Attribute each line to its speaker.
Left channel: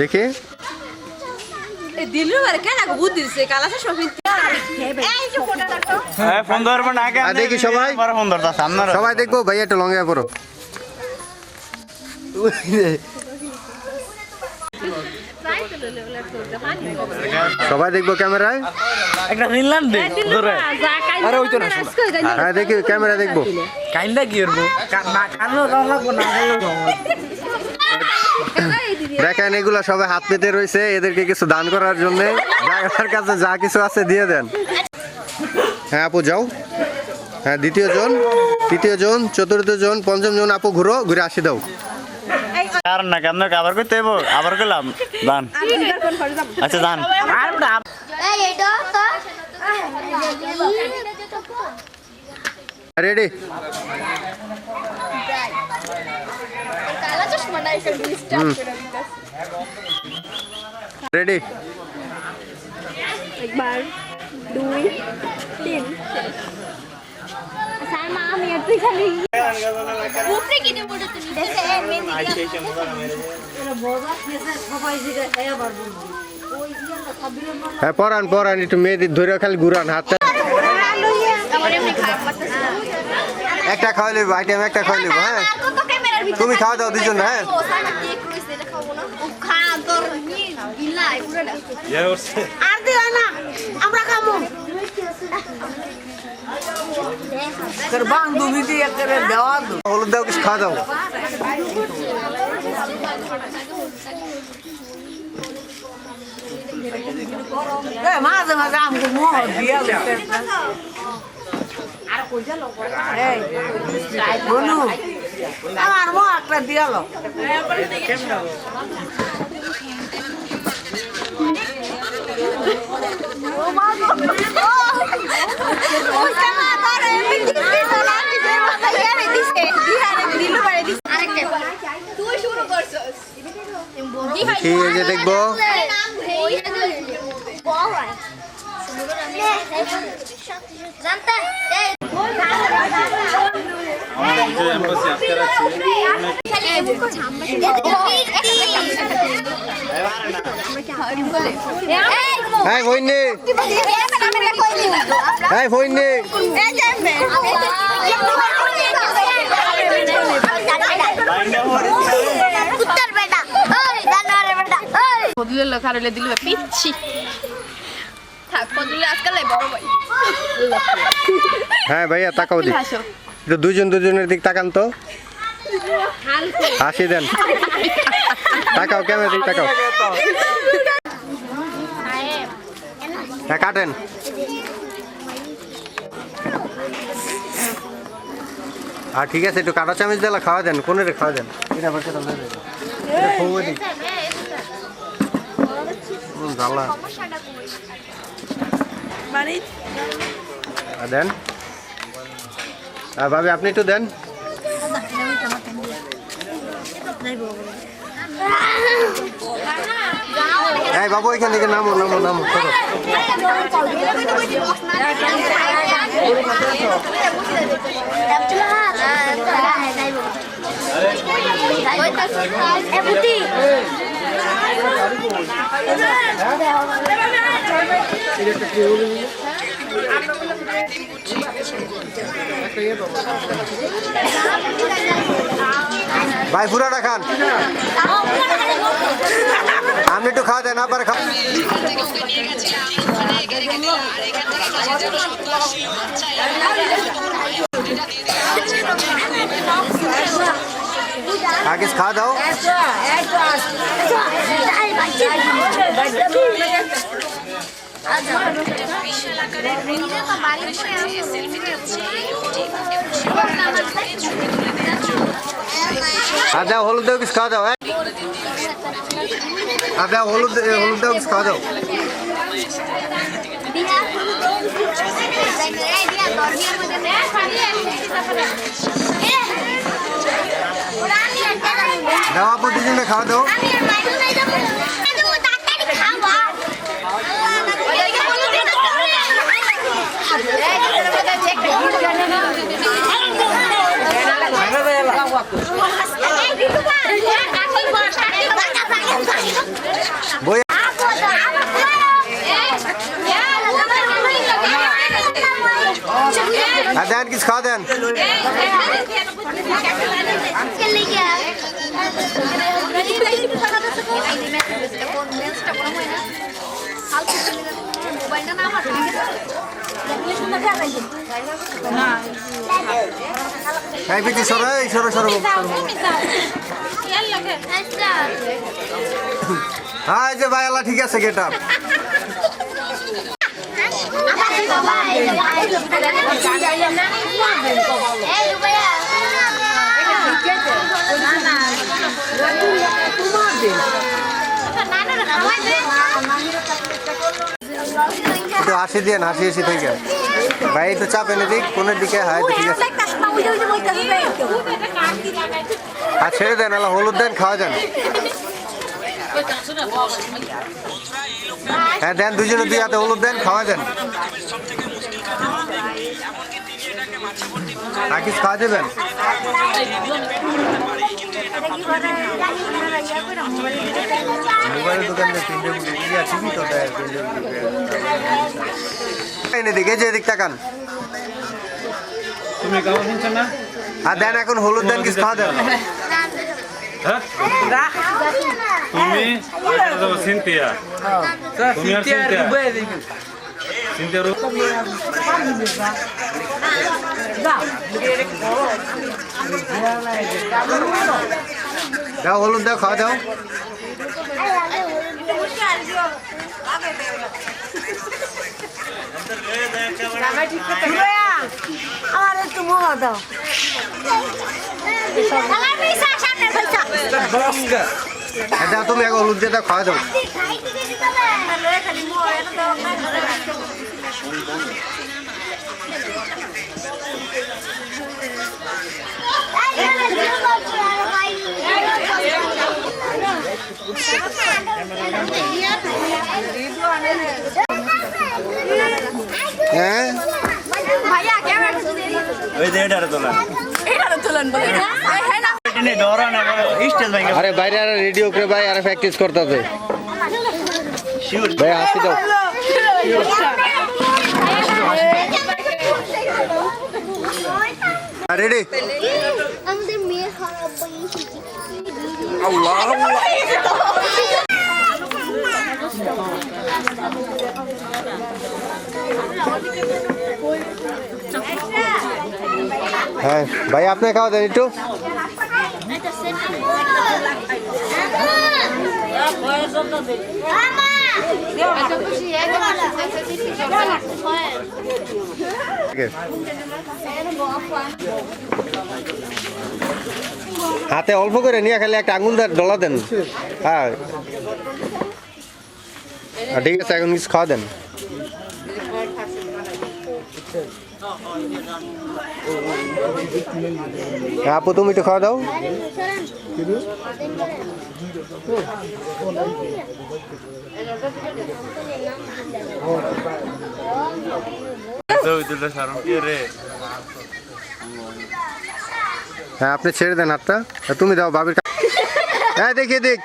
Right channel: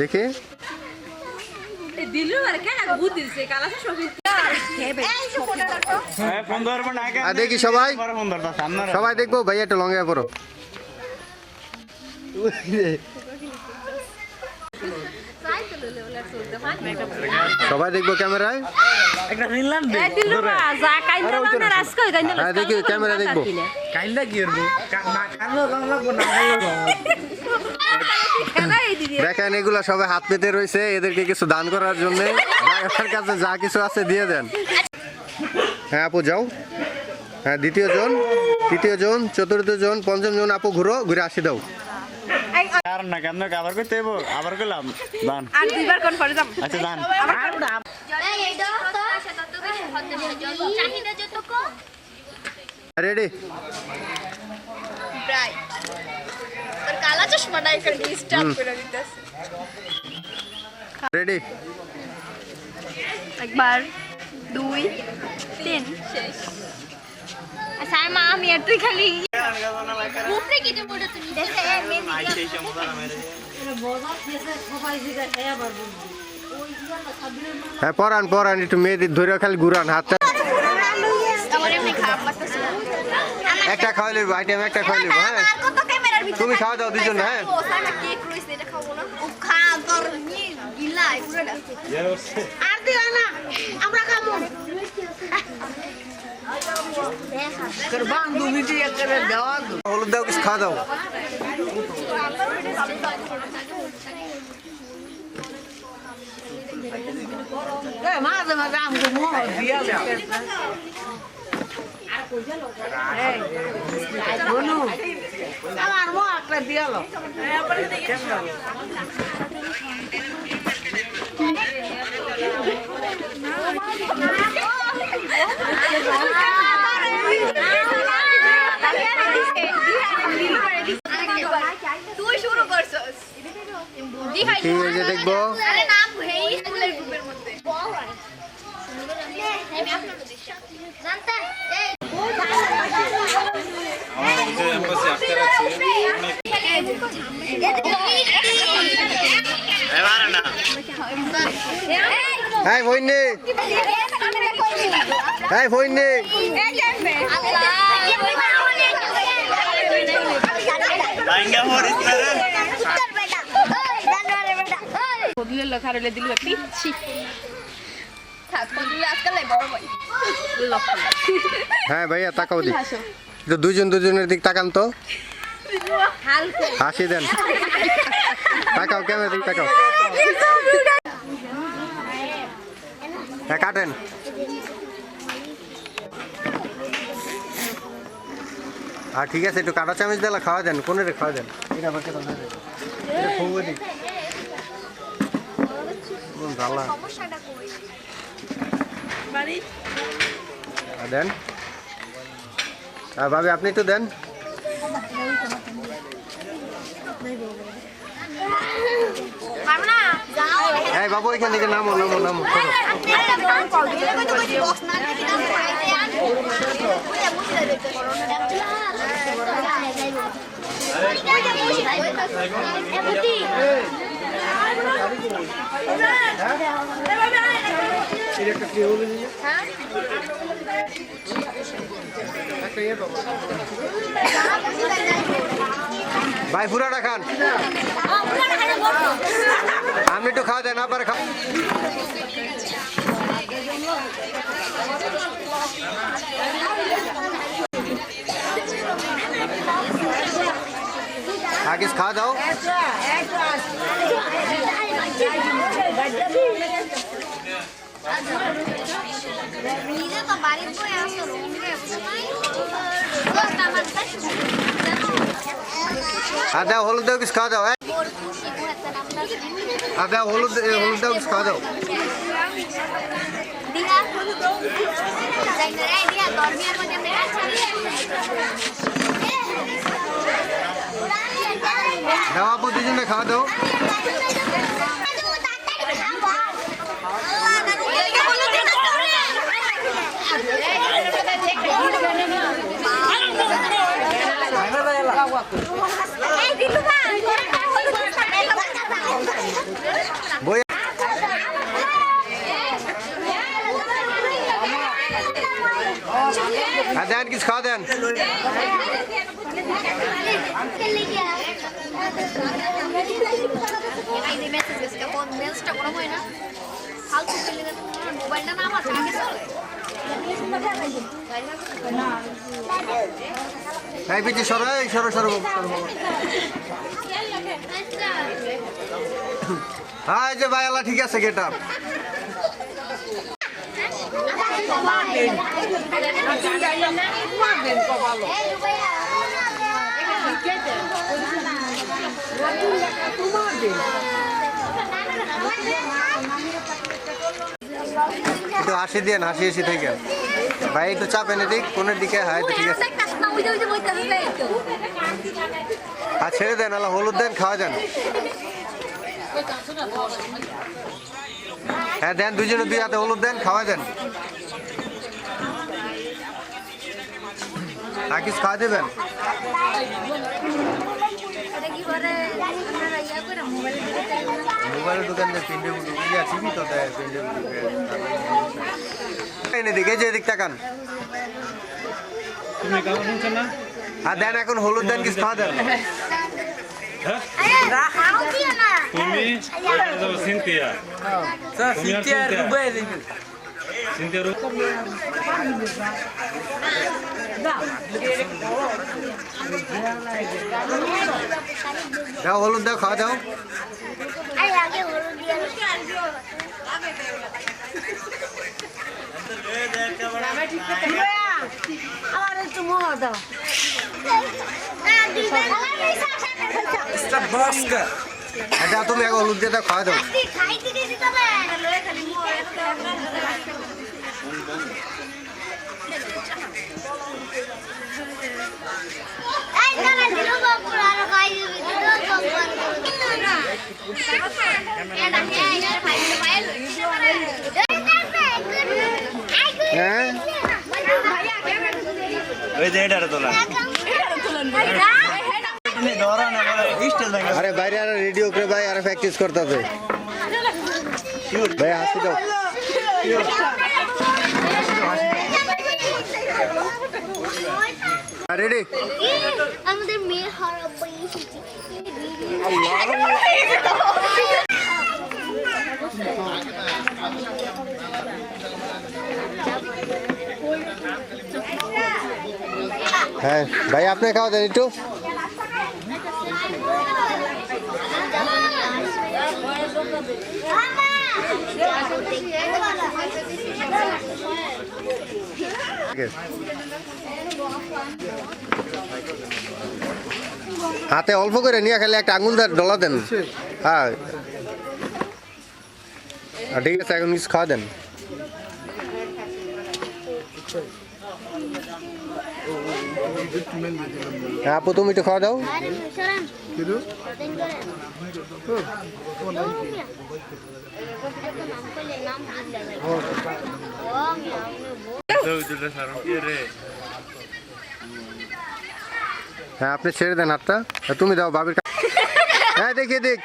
Speaker 1: দেখি।
Speaker 2: হ্যাঁ
Speaker 1: দেখি সবাই। সবাই দেখব ভাইয়া একটু লঙ্গা পড়ো। সবাই দেখব ক্যামেরায়?
Speaker 2: একটা ফিনল্যান্ড
Speaker 3: আরে ওই তো না
Speaker 1: হ্যাঁ দেখি ক্যামেরা দেখব।
Speaker 2: কাইন্দা কি করব? না কানো লাগবো না কানো
Speaker 1: দেখেন এগুলো সবাই হাত পেতে রয়েছে এদেরকে কিছু দান করার জন্য। যার কাছে যা কিছু আছে দিয়ে দেন। হ্যাঁ আপু যাও। হ্যাঁ দ্বিতীয় জন তৃতীয় জন চতুর্থ জন পঞ্চম জন আপু ঘুরো ঘুরে আসি দাও।
Speaker 2: কারণ না কেন আবার দান। আচ্ছা দান।
Speaker 1: রেডি রেডি
Speaker 4: একবার দুই তিন শেষ আচ্ছা মা আমি তুই খালি উপরে কিনে পড়ে তুমি দেশে মেহেন্দি
Speaker 1: হ্যাঁ পরান পরান একটু মেয়েদের ধরে খালি ঘুরান
Speaker 4: লাগতেছে।
Speaker 1: একটা খাওয়াই লিব আইটেম একটা খাওয়াই লিব হ্যাঁ। তুমি খাওয়া দাও দুজন হ্যাঁ
Speaker 4: ও সামনে কেক রইছে এটা খাব না ও খা তোর নি বিলাই পুরোটা আর দিও না আমরা খাব
Speaker 1: হলুদ দাও কিছু খাওয়া দাও
Speaker 5: মাঝে মাঝে আমাকে মোহ দিয়ে বলু আমার মোহ একটা দিয়াল
Speaker 4: তুই শুরু করছস
Speaker 1: কি যে দেখব
Speaker 4: জানতা এই
Speaker 1: হ্যাঁ ভইনি হ্যাঁ ভইনি
Speaker 4: উত্তর বেটা ওই জানোয়ারের বেটা। ওই
Speaker 3: দিল্লু খারেলে দিল্লু পিচ্ছি
Speaker 4: থাক কদুলে আজকাল বড় ভাই
Speaker 1: হ্যাঁ ভাইয়া তাকাও দি। দুজন দুজনের দিক তাকান তো। হাসি দেন। তাকাও, ক্যামেরা দিক তাকাও। হ্যাঁ কাটেন। আর ঠিক আছে, একটু কাটা চামচ দিলা, খাওয়া দেন কোনে রে খাওয়া দেন। এটা এটা জ্বালা। দেন। আর ভাবি আপনি একটু দেন। এই বাবু এখান থেকে নামো নামো নামো করো। ভাই পুরাটা খান। আপনি একটু খাওয়া দেন আবার খাও আগে খাওয়া দাও আর দাও হলুদ দাও, কিছু খাওয়া দাও হ্যাঁ? আর দাও হলুদ হলুদ দাও, কিছু খাওয়া দাও। দাও, আপু খাওয়া দাও। বই হ্যাঁ দেন কিছু খাওয়া দেন। এই পিছি সরো এই সরো সরো। হ্যাঁ এই যে ভাই আল্লাহ ঠিক আছে গেট আপ একটু হাসি দিয়ে হাসি হাসি থেকে ভাই, একটু চাপ এনে দিক কোনের দিকে। হ্যাঁ তো ঠিক আছে। আর ছেড়ে দেন, আল্লাহ হলুদ দেন, খাওয়া দেন হ্যাঁ দেন, দুজনে দুই হাতে হলুদ দেন, খাওয়া দেন আর কিছু খাওয়া দেবেন? মোবাইলের দোকান দিয়ে তিনটে ইয়া টিভি তো দেয় এনে দিকে যে দিক তাকান আর দেন এখন হলুদ দেন কিছু খাওয়া দেন
Speaker 6: তুমি যাব সিনথিয়া
Speaker 1: দাও হলুদ দাও খাওয়া দাও। হ্যাঁ তুমি এখন হলুদ দিয়ে খাওয়া দাও। হ্যাঁ আরে বাইরে আর রেডিও করে ভাই আর প্র্যাকটিস করতেছে। ভাই হাসি দাও। রেডি
Speaker 4: আমাদের মেয়ে খারাপ
Speaker 1: হ্যাঁ ভাই আপনি খাওয়া দেন একটু হাতে অল্প করে নিয়ে খেলে একটা আঙুল ডলা দেন। হ্যাঁ। ঠিক আছে, এখন কিছু খাওয়া দেন। হ্যাঁ তুমি একটু খাওয়া দাও। হ্যাঁ আপনি ছেড়ে দেন হাতটা। তুমি দাও বাবির হ্যাঁ দেখি দেখ।